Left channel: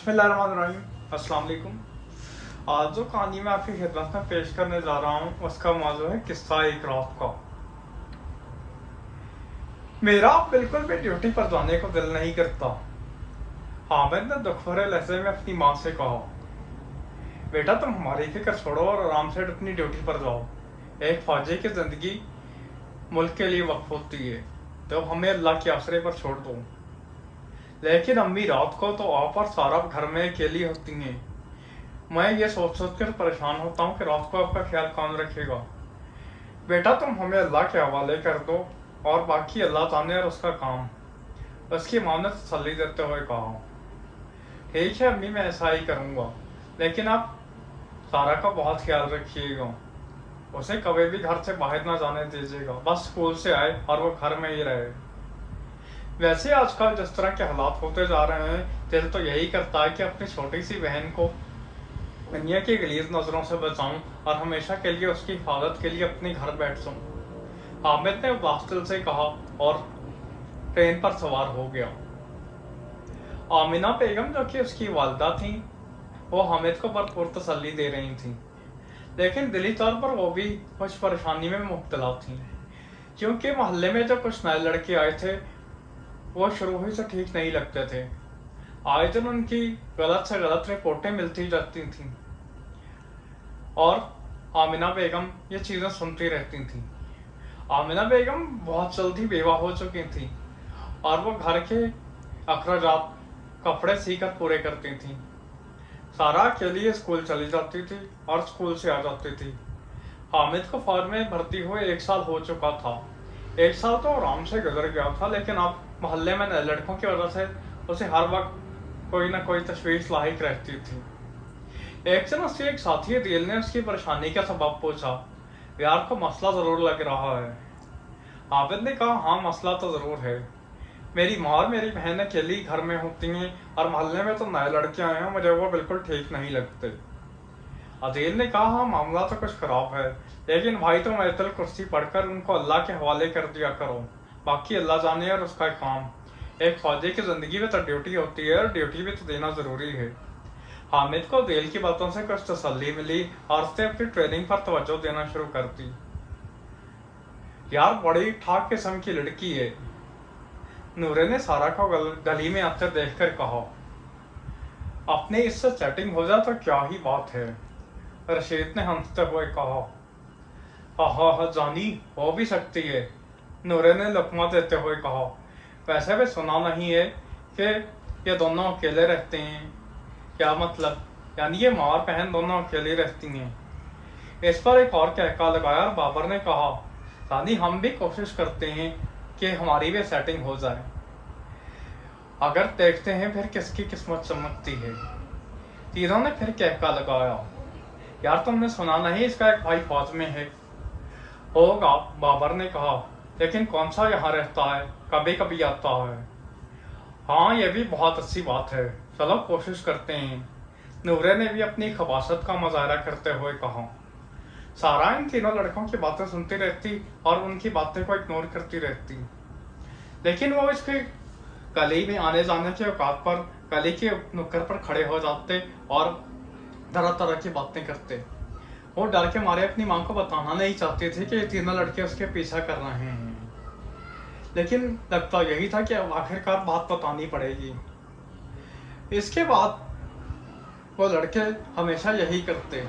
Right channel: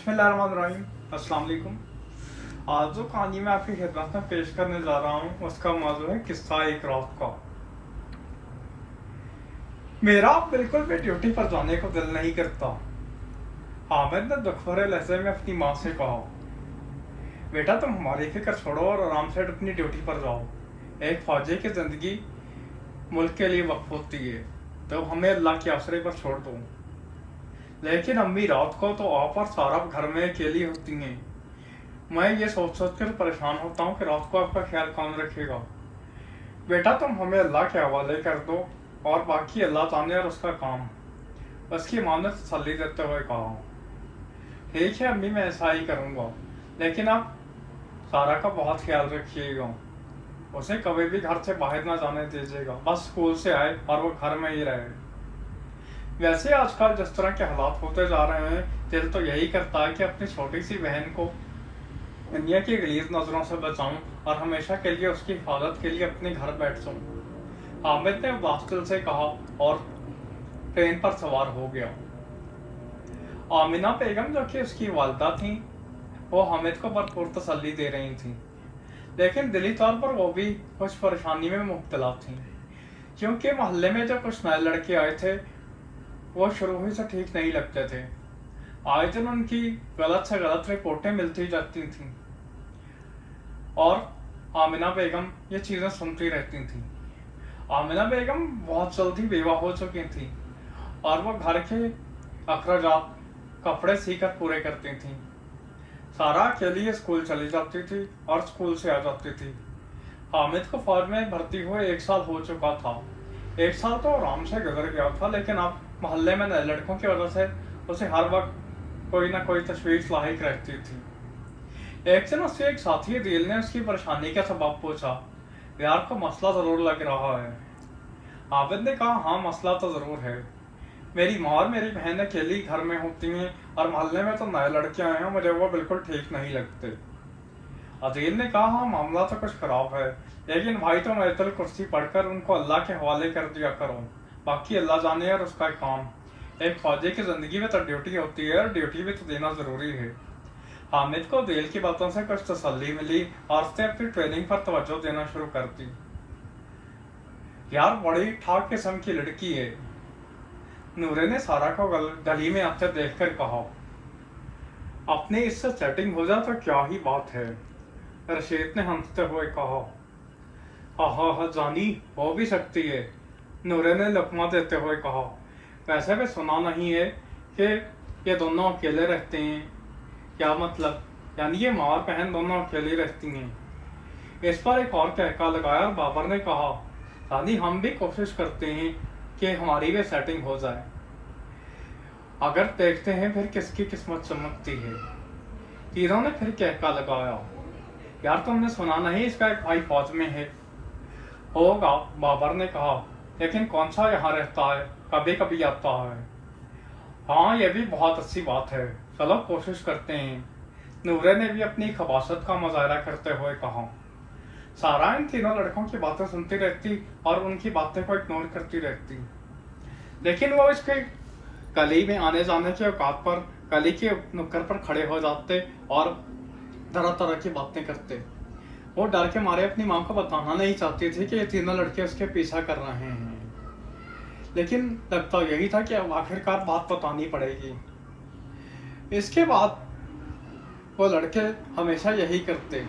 बिस्मिल्लाहिर्रहमानिर्रहीम। अस्सलाम वालेकुम। आज जो कहानी मैं आपकी खिदमत में पेश करने जा रहा हूँ उसका मौजू है किस्सा एक रात का। मेरा बिल्कुल भी ड्यूटी पर जाने को दिल नहीं करता। हामिद ने दुख भरे लहजे में अपनी माँ से कहा, बेटा तुम हमारी फिक्र छोड़ो और आराम से अपनी ड्यूटी पर जाओ। एक फौजी की जिंदगी मुल्क के लिए वक्फ होती है, तो हमें अल्लाह के आसरे पर छोड़ दो। लेकिन अम्मी रात को तो आप और सारा घर में अकेली होती हैं। मैं ये सोच सोच कर परेशान होता हूँ कि रात को आपका ख्याल कौन रखेगा। बेटा तुम हमें अल्लाह के हवाले कर दो और बाकी अल्लाह जाने और उसका काम। उसकी माँ ने तसल्ली देते हुए कहा, ठीक है अम्मी मैं ऐसा ही करूँगा, लेकिन आप सारा का बहुत ख्याल रखिएगा। उसे कभी भी घर से बाहर ना जाने दीजिएगा, बस स्कूल से आए और वो घर में ही रहे। वैसे आजकल जिस तरह के हालात होते जा रहे हैं, दिल तो यही करता है कि अपनी छोटी सी बहन को दुनिया की गलीज नजरों से बचाऊं और हमेशा के लिए उसकी हिफाजत के लिए अपने घर बैठ जाऊं। हामिद ने वास्तिल से कहा और ट्रेन पर सवार हो गया। आमिना बेगम जो कि उसकी वालदा थी, वो हामिद को भरपूर तसल्ली दे रही थी, लेकिन दिली तौर पर वो भी कुछ परेशानी में मुब्तला थी, क्योंकि मोहल्ले में जो कुछ नए लड़के आए थे वो शुरू ही से ठीक नहीं लगते थे। आए दिन उनकी गलत से गलत रिपोर्टें मिलती जाती थीं और आमिना बेगम ये चीज़ें सुनती रहती थीं। आमिना बेगम बहुत जल्दी बेवा हो चुकी थी और वो घर के अखराजात कपड़े सीकर पूरे करती थीं। सारा अकेली स्कूल चली जाती थी और स्कूल से आ जाती थी। हामिद को फौज में भर्ती हुए 1 साल हो चुका था। 1 साल तो आराम से गुजर गया था, लेकिन अब मोहल्ले में नए लड़कों की वजह से उसे हर वक्त कोई ना कोई तशवीश लाहिक रहती थी। एक दिन उसके एक साथी दिल ने उसकी परेशानी का सबब पूछा, यार को मसला जरूर लग रहा है। आबिद ने कहा, हाँ मसला तो जरूर है। मेरी माँ और मेरी बहन अकेली घर में होती हैं और मोहल्ले में तो नए लड़के आए हैं, मुझे वो बिल्कुल ठीक नहीं लगते। अदील ने कहा, हाँ मामला तो कुछ खराब है, लेकिन भाई तुम आयतुल कुर्सी पढ़कर उनको अल्लाह के हवाले कर दिया करो, बाकी अल्लाह जाने और उसका काम। एक फौजी की जिंदगी में तो ड्यूटी होती है और ड्यूटी भी तो देना जरूरी है। हामिद को दिल की बातों से कुछ तसल्ली मिली और उसने अपनी ट्रेनिंग पर तवज्जो देना शुरू कर दी। यार बड़ी ठाक किस्म की लड़की है, नूरे ने सारा को गली में आते देखकर कहा। अपनी इससे सेटिंग हो जाए तो क्या ही बात है, रशीद ने हंसते हुए कहा। हाँ हाँ हाँ जानी, हो भी सकती है, नूरे ने लकमा देते हुए कहा। वैसे भी सुना नहीं है कि ये दोनों अकेले रहते हैं। क्या मतलब? यानी ये माँ और बहन दोनों अकेली रहती हैं। इस पर एक और कहका लगाया और बाबर ने कहा, दादी हम भी कोशिश करते हैं कि हमारी भी सेटिंग हो जाए, अगर देखते हैं फिर किसकी किस्मत चमकती है। तीनों ने फिर कहका लगाया, यार तुमने सुना नहीं इसका एक भाई फौज में है? होगा, बाबर ने कहा, लेकिन कौन सा यहाँ रहता है, कभी कभी आता है। हाँ ये भी बहुत अच्छी बात है, चलो कोशिश करते हैं, नूरे ने भी अपनी खबासत का मुजाहरा करते हुए कहा। सारा इन तीनों लड़कों की बातें सुनती रहती और उनकी बातें को इग्नोर करती रहती, लेकिन वो इसके गली में आने जाने के औकात पर गली के नुक्कड़ पर खड़े हो जाते और तरह तरह की बातें करते। वो डर के मारे अपनी माँ को बताना नहीं चाहती थी कि ये तीनों लड़के उसके पीछा कर रहे हैं, लेकिन लगता यही था कि अब आखिरकार बात बतानी पड़ेगी। इसके बाद वो लड़के हमेशा यही करते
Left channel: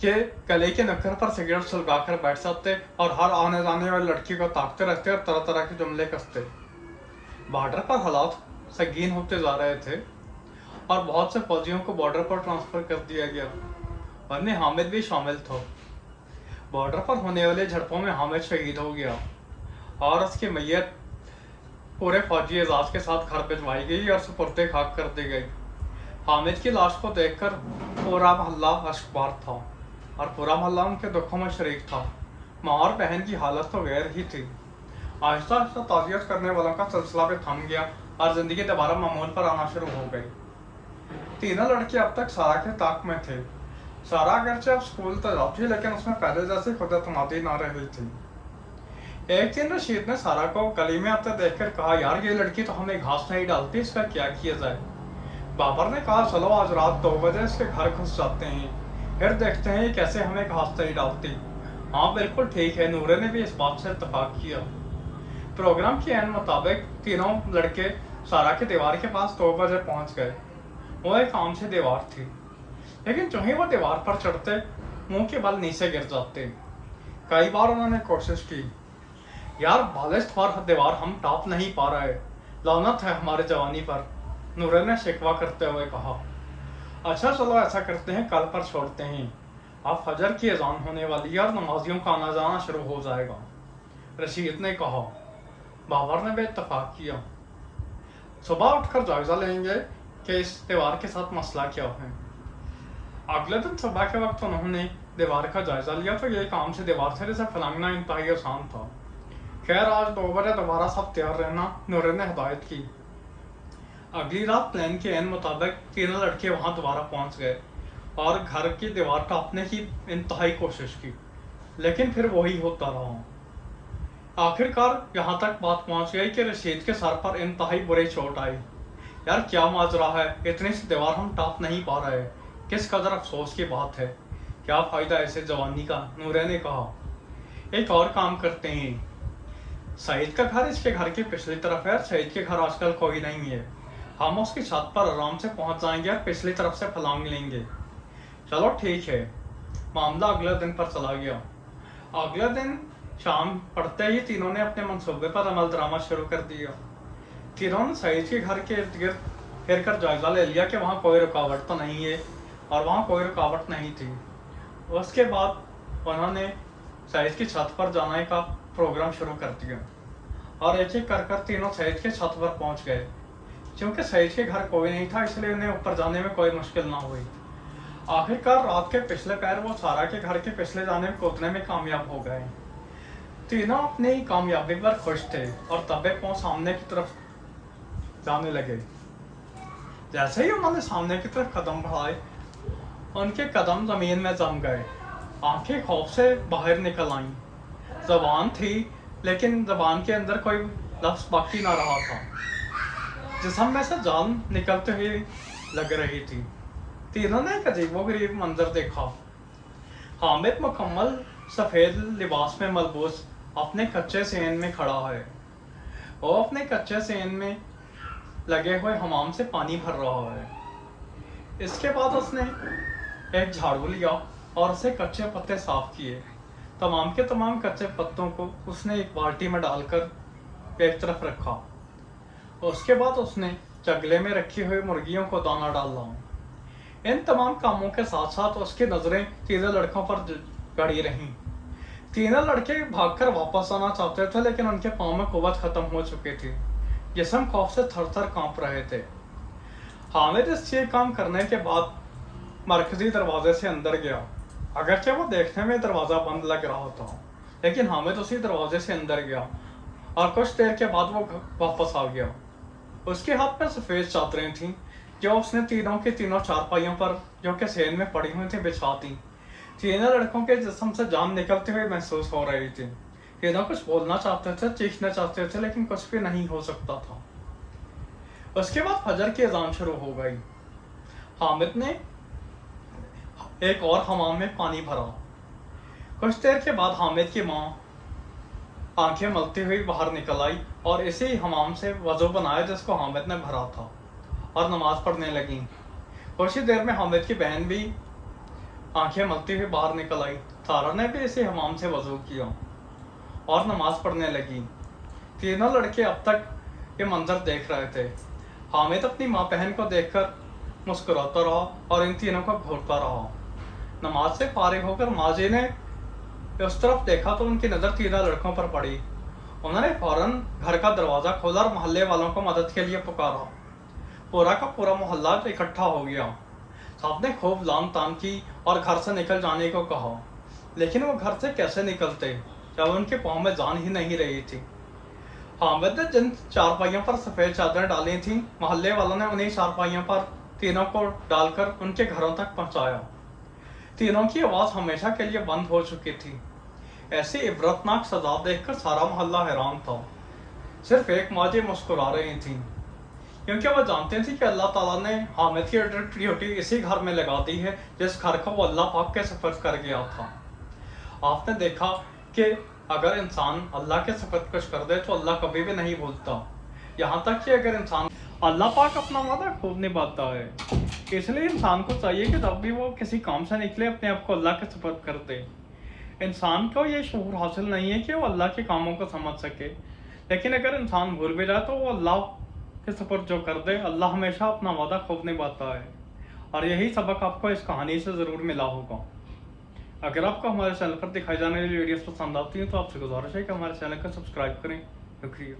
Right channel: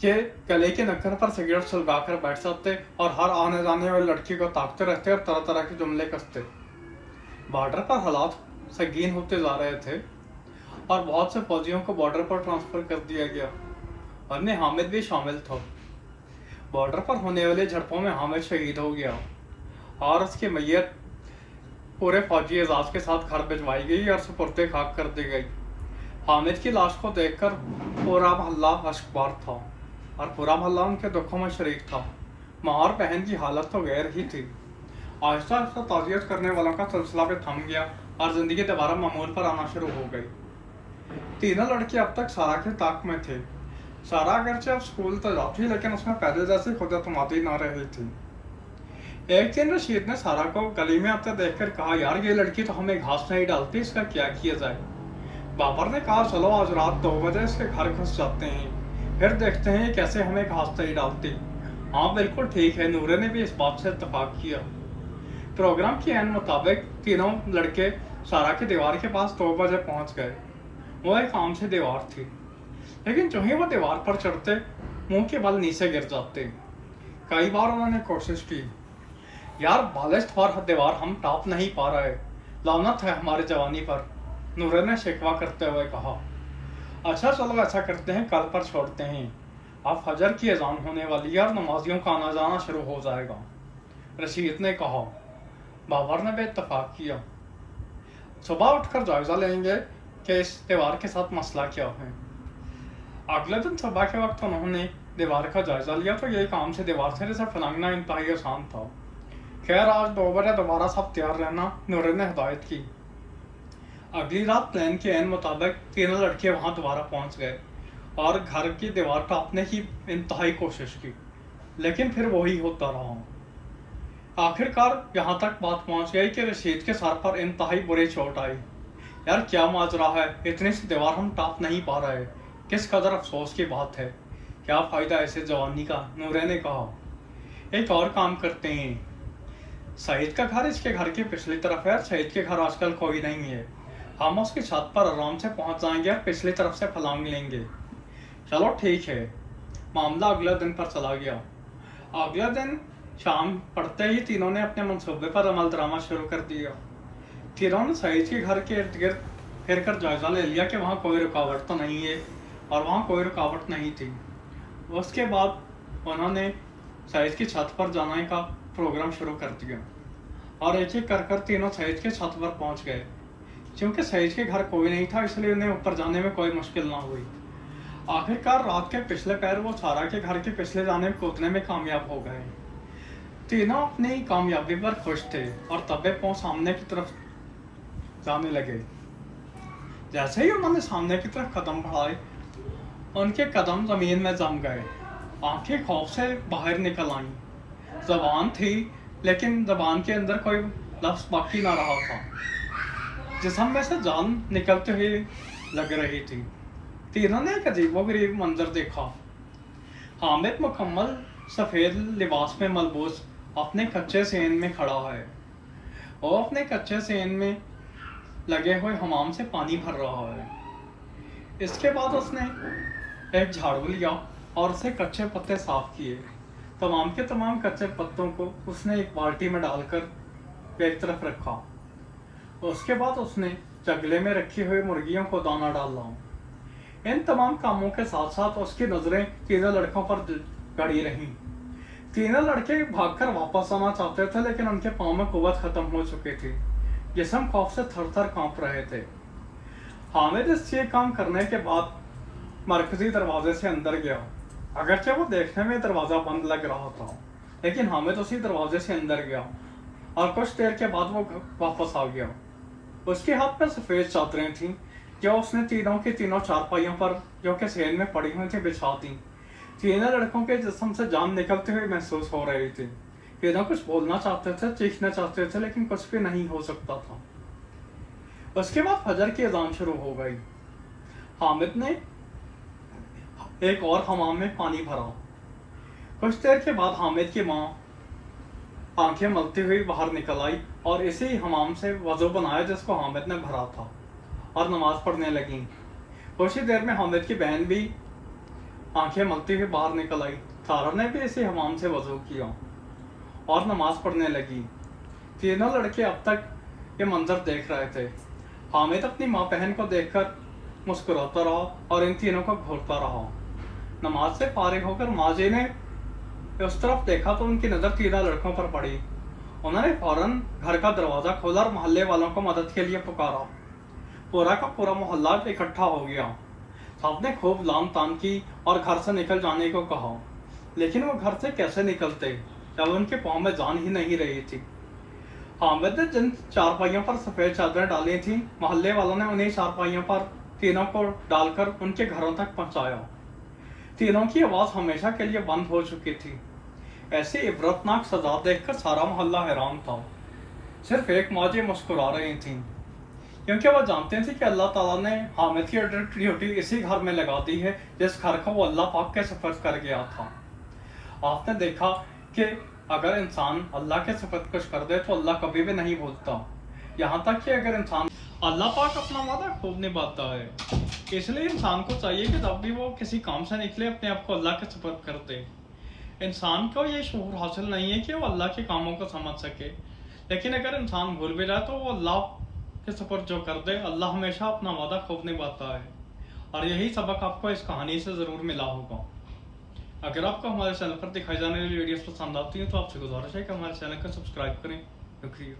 कि गले के नक्कर पर सिगरेट सुलगाकर बैठ जाते और हर आने जाने वाली लड़की को ताकते रहते और तरह तरह के जुमले कसते। बॉर्डर पर हालात संगीन होते जा रहे थे और बहुत से फौजियों को बॉर्डर पर ट्रांसफर कर दिया गया, वरने हामिद भी शामिल था। बॉर्डर पर होने वाले झड़पों में हामिद शहीद हो गया और उसकी मैयत पूरे फौजी एजाज के साथ घर भिजवाई गई और सुपुर्दे खाक कर दी गई। हामिद की लाश को देखकर पूरा मोहल्ला अश्कबार था और पूरा मोहल्ला उनके दुखों में शरीक था। माँ और बहन की हालत तो गैर ही थी। आहिस्ता आहिस्ता ताज़ियत करने वालों का सिलसिला भी थम गया और जिंदगी दोबारा मामूल पर आना शुरू हो गई। तीनों लड़के अब तक सारा के ताक में थे। सारा अगरचे अब स्कूल तो जाती, लेकिन उसमें पहले जैसी खुद एतमादी ना रही थी। एक दिन रशीद ने सारा को गली में आते देखकर कहा, यार ये लड़की तो हमें घास नहीं डालती, इसका क्या किया जाए? बाबर ने कहा चलो आज रात 2 बजे इसके घर घुस जाते हैं, फिर देखते हैं ये कैसे हमें घास नहीं डालती। हाँ बिल्कुल ठीक है, नूरे ने भी इस बात से इत्तेफाक किया। प्रोग्राम के एन मुताबिक तीनों लड़के सारा की दीवार के पास 2 बजे पहुंच गए। वो एक आम सी दीवार थी, लेकिन जो ही वो दीवार पर चढ़ते मुंह के बल नीचे गिर जाते। कई बार उन्होंने कोशिश की, यार बालिश पर दीवार हम टॉप नहीं पा रहे, लानत है हमारे जवानी पर, नूरे ने शिकवा करते हुए कहा। अच्छा चलो ऐसा करते हैं, कल पर छोड़ते हैं, अब फजर की अजान होने वाली है और नमाजियों का आना जाना शुरू हो जाएगा, रशीद ने कहा। बाबर ने भी इत्तेफाक किया। सुबह उठकर जायजा लेंगे कि इस दीवार के साथ मसला क्या है। अगले दिन सुबह के वक्त उन्होंने दीवार का जायजा लिया तो ये काम से दीवार से जिसे फलांगना इंतहाई आसान था। खैर आज 2 बजे दोबारा सब तैयार रहना, नूरे ने हिदायत की। अगली रात प्लान के एन मुताबिक तीनों लड़के वहां दोबारा पहुंच गए और घर की दीवार टापने की इंतहाई कोशिश की, लेकिन फिर वही होता रहा। आखिरकार यहाँ तक बात पहुंच गई कि रशीद के सर पर इंतहाई बुरी चोट आई। यार क्या माजरा है, इतनी सी दीवार हम टाप नहीं पा रहे, किस कदर अफसोस की बात है, क्या फायदा ऐसे जवानी का, नूरे ने कहा। एक और काम करते हैं, सईद का घर इसके घर की पिछली तरफ है, सईद के घर आजकल कोई नहीं है, हम उसकी छत पर आराम से पहुंच जाएंगे और पिछली तरफ से फलांग लेंगे। चलो ठीक है। मामला अगले दिन पर चला गया। अगले दिन शाम पड़ते ही तीनों ने अपने मंसूबे पर अमल दरामद शुरू कर दिया। तीनों ने सईद के घर के इर्द गिर्द फिर कर जायजा ले लिया कि वहाँ कोई रुकावट तो नहीं है, और वहाँ कोई रुकावट नहीं थी। उसके बाद उन्होंने सईद की छत पर जाने का प्रोग्राम शुरू कर दिया और एक एक कर तीनों सईद के छत पर पहुंच गए। क्योंकि सईद के घर कोई नहीं था, इसलिए उन्हें ऊपर जाने में कोई मुश्किल ना हुई। आखिरकार रात के पिछले पैर वो सारा के घर के पिछले जाने में कूदने में कामयाब हो गए। तीनों अपनी कामयाबी पर खुश थे और तबे पांव सामने की तरफ जाने लगे। जैसे ही उन्होंने सामने की तरफ कदम बढ़ाए, उनके कदम जमीन में जम गए, आंखें खौफ से बाहर निकल आईं। जबान थी, लेकिन जबान के अंदर कोई लफ्ज बाकी ना रहा था। जिस्म में से जान निकलते हुए लग रही थी। तीनों ने एक अजीबोगरीब मंजर देखा। हामिद मुकम्मल सफ़ेद लिबास में मलबूस अपने कच्चे सेन में खड़ा है। वो अपने कच्चे सेन में लगे हुए हमाम से पानी भर रहा है। इसके बाद उसने एक झाड़ू लिया और उसे कच्चे पत्ते साफ किए। तमाम के तमाम कच्चे पत्तों को उसने एक बाल्टी में डालकर एक तरफ रखा। उसके बाद उसने चगले में रखी हुई मुर्गियों को दाना डाला। इन तमाम कामों के साथ साथ उसकी नजरें तीनों लड़कों पर गड़ी रहीं। तीनों लड़के भागकर वापस आना चाहते थे, लेकिन उनके पाँव में कुव्वत खत्म हो चुकी थी, जिस्म खौफ से थर थर कांप रहे थे। हामिद इस ये काम करने के बाद मरकजी दरवाजे से अंदर गया। अगरचे वो देखने में दरवाजा बंद लग रहा था, लेकिन हामिद उसी दरवाजे से अंदर गया और कुछ देर के बाद वो वापस आ गया। उसके हाथ में सफेद चादरें थीं जो उसने तीनों की तीनों चारपाइयों पर, जो कि सेन में पड़ी हुई थी, बिछा दी। तीनों लड़कों के जिस्म से जान निकलते हुए महसूस हो रही थी। तीनों कुछ बोलना चाहते थे, चीखना चाहते थे, लेकिन कुछ भी नहीं हो सकता था। उसके बाद फजर की अजान शुरू हो गई। हामिद ने एक और हमाम में पानी भरा। कुछ देर के बाद हामिद की माँ आंखें मलती हुई बाहर निकल आई और इसी हमाम से वजू बनाया जिसको हामिद ने भरा था, और नमाज पढ़ने लगी। कुछ ही देर में हामिद की बहन भी आंखें मलती हुई बाहर निकल आई। सारा ने भी इसी हमाम से वजू किया और नमाज पढ़ने लगी। तीनों लड़के अब तक ये मंजर देख रहे थे। हामिद अपनी माँ बहन को देखकर मुस्कुराता रहा और इन तीनों को घूरता रहा। नमाज से फारिग होकर माजी ने उस तरफ देखा तो उनकी नजर तीनों लड़कों पर पड़ी। उन्होंने फौरन घर का दरवाजा खोला और मोहल्ले वालों को मदद के लिए पुकारा। पूरा का पूरा मोहल्ला इकट्ठा हो गया। साहब ने खूब लाम ताम की और घर से निकल जाने को कहा, लेकिन वो घर से कैसे निकलते जब उनके पाँव में जान ही नहीं रही थी। हामिद ने जिन चारपाइयों पर सफेद चादरें डाली थी, मोहल्ले वालों ने उन्हीं चारपाइयों पर तीनों को डालकर उनके घरों तक पहुंचाया। तीनों की आवाज हमेशा के लिए बंद हो चुकी थी। ऐसी इबरतनाक सजा देखकर सारा मोहल्ला हैरान था। सिर्फ एक माजी मुस्कुरा रही थी। کیونکہ وہ جانتے تھے کہ اللہ تعالیٰ نے حامد کی ڈیوٹی اسی گھر میں لگا دی ہے جس گھر کو وہ اللہ پاک کے سفر کر گیا تھا۔ آپ نے دیکھا کہ اگر انسان اللہ کے سفر کچھ کر دے تو اللہ کبھی بھی نہیں بھولتا، یہاں تک کہ اگر انسان اللہ پاک اپنا وعدہ خوب نبھاتا ہے۔ اس لیے انسان کو چاہیے کہ جب بھی وہ کسی کام سے نکلے اپنے آپ کو اللہ کے سپرد کر دے۔ انسان کو یہ شعور حاصل نہیں ہے کہ وہ اللہ کے کاموں کو سمجھ سکے، لیکن اگر انسان بھول بھی جائے تو وہ اللہ کے سپرد جو کر دے، اللہ ہمیشہ اپنا وعدہ خوب نبھاتا ہے۔ اور یہی سبق آپ کو اس کہانی سے ضرور ملا ہوگا۔ اگر آپ کو ہمارے چینل پر دکھائی جانے والی ویڈیوز پسند آتی ہیں تو آپ سے گزارش ہے کہ ہمارے چینل کو سبسکرائب کریں۔ شکریہ۔